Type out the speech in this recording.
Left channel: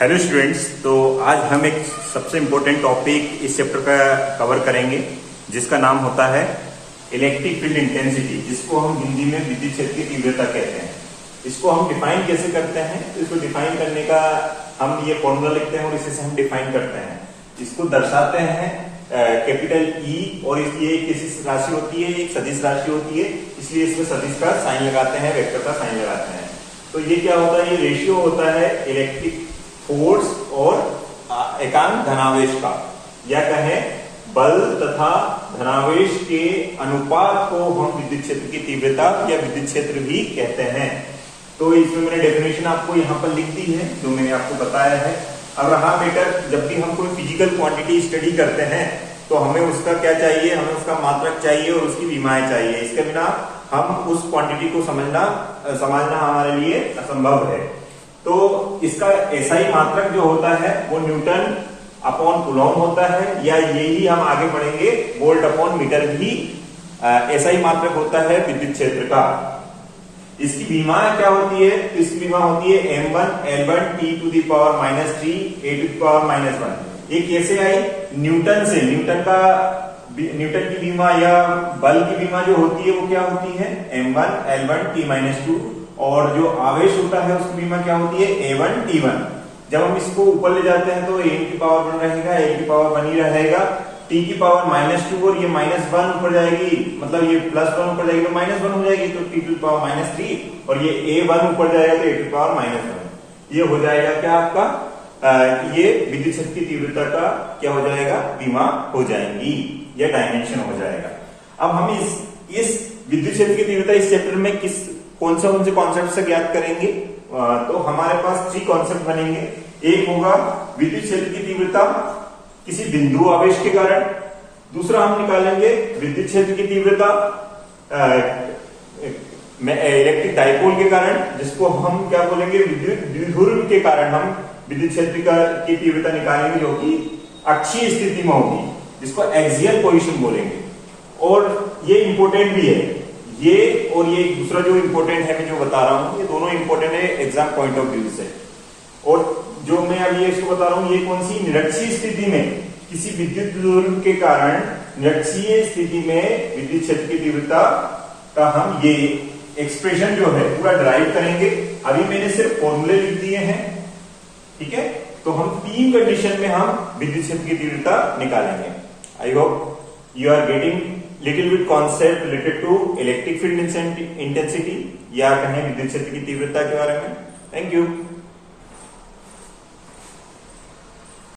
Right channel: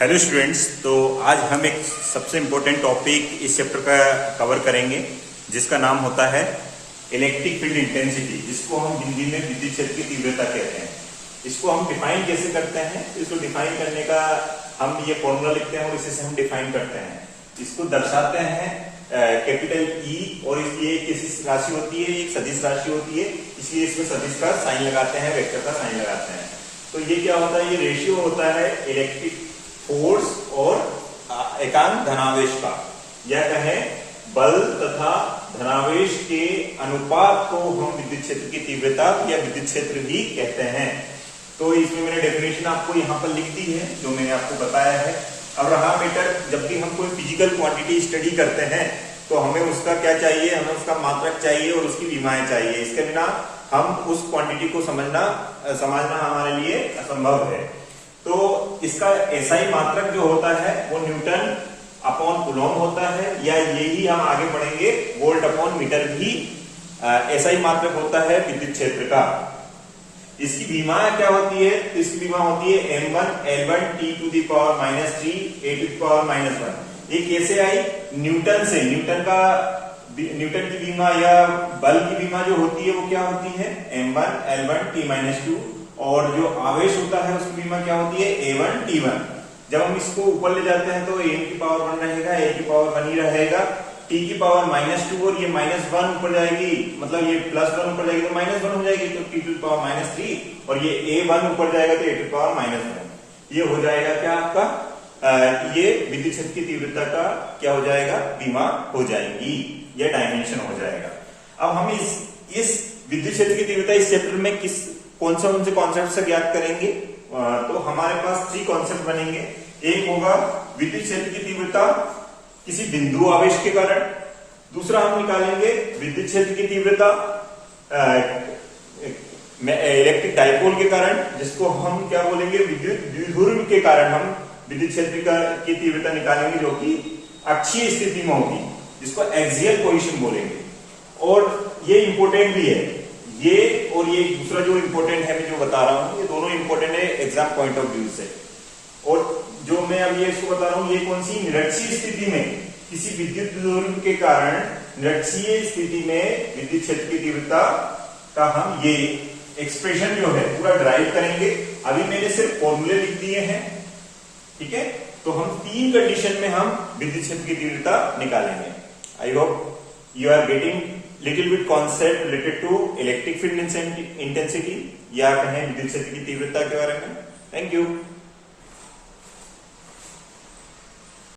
Hello students, तो आज हम एक सबसे इम्पोर्टेंट टॉपिक इस चैप्टर का कवर करेंगे जिसका नाम होता है इलेक्ट्रिक फील्ड इंटेंसिटी, जिसको हम हिंदी में विद्युत क्षेत्र की तीव्रता कहते हैं। इसको हम डिफाइन कैसे करते हैं? तो इसको डिफाइन करने का हम ये फॉर्मूला लिखते हैं और इसी से हम डिफाइन करते हैं। इसको दर्शाते हैं कैपिटल ई, और ये किसी राशि होती है, एक सदिश राशि होती है, इसलिए इसमें सदिश का साइन लगाते हैं, वेक्टर का साइन लगाते हैं। तो ये क्या होता है? ये रेशियो होता है इलेक्ट्रिक फोर्स और एकांक धनावेश का, या कहें बल तथा धनावेश के अनुपात को हम विद्युत क्षेत्र की तीव्रता या विद्युत क्षेत्र भी कहते हैं। तो इसमें मैंने डेफिनेशन आपको यहाँ पर लिख दी है जो मैंने आपको बताया है। अब रहा मैटर, जब भी हम कोई फिजिकल क्वांटिटी स्टडी करते हैं तो हमें उसका क्या चाहिए? हमें उसका मात्रक चाहिए और उसकी विमाएं चाहिए। इसके बिना हम उस क्वांटिटी को समझना हमारे लिए असंभव है। तो इसका एसआई मात्रक जो होता है वो न्यूटन अपॉन कूलॉम होता है, या यही हम आगे बढ़ेंगे वोल्ट अपॉन मीटर भी एसआई मात्रक होता है विद्युत क्षेत्र का। इसकी विमा क्या होती है? तो इसकी विमा होती है m1 L1 t to the power -3 a to the power -1। ये कैसे आई? न्यूटन से। न्यूटन की विमा या बल की विमा जो होती है वो क्या होती है? m1 L1 t-2, और जो आवेश होता है उसकी विमा क्या होती है? a1 t1। जब हम इसको ऊपर ले जाते हैं तो a की पावर 1 रहेगा, a की पावर 1 ही रहेगा, t की पावर -2 और ये -1 ऊपर जाएगी, मतलब ये +1 ऊपर जाएगी तो -1 हो जाएगी, तो t टू द पावर -3, और ये a1 ऊपर जाएगा तो a टू द पावर -1। ये हो जाएगा क्या आपका? ये विद्युत क्षेत्र की तीव्रता का क्या हो जाएगा? विमा हो जाएंगी या डायमेंशन हो जाएगा। अब हम इस विद्युत क्षेत्र की तीव्रता इस चैप्टर में कौन से कॉन्सेप्ट से ज्ञात करेंगे? तो हमारे पास 3 कॉन्सेप्ट बनेंगे। एक होगा विद्युत क्षेत्र की तीव्रता किसी बिंदु आवेश के कारण। दूसरा हम निकालेंगे विद्युत क्षेत्र की तीव्रता इलेक्ट्रिक डाइपोल के कारण, जिसको हम क्या बोलेंगे? विद्युत द्विध्रुव के कारण हम विद्युत क्षेत्र की तीव्रता निकालेंगे, जो कि अक्षीय स्थिति में होगी, जिसको एक्सियल पोजीशन बोलेंगे। और ये इंपॉर्टेंट भी है, ये और ये दूसरा जो इंपॉर्टेंट है मैं जो बता रहा हूं, ये दोनों इंपॉर्टेंट है एग्जाम पॉइंट ऑफ व्यू से। और जो मैं अभी इसको बता रहा हूं, ये कौन सी? निरक्षीय स्थिति में किसी विद्युत द्विध्रुव के कारण निरक्षीय स्थिति में विद्युत क्षेत्र की तीव्रता का हम ये एक्सप्रेशन जो है पूरा ड्राइव करेंगे। अभी मैंने सिर्फ फॉर्मूले लिख दिए हैं, ठीक है? तो हम 3 कंडीशन में हम विद्युत क्षेत्र की तीव्रता निकालेंगे। I hope you are getting little bit concept related to electric field intensity, या कहें विद्युत क्षेत्र की तीव्रता के बारे में। Thank you.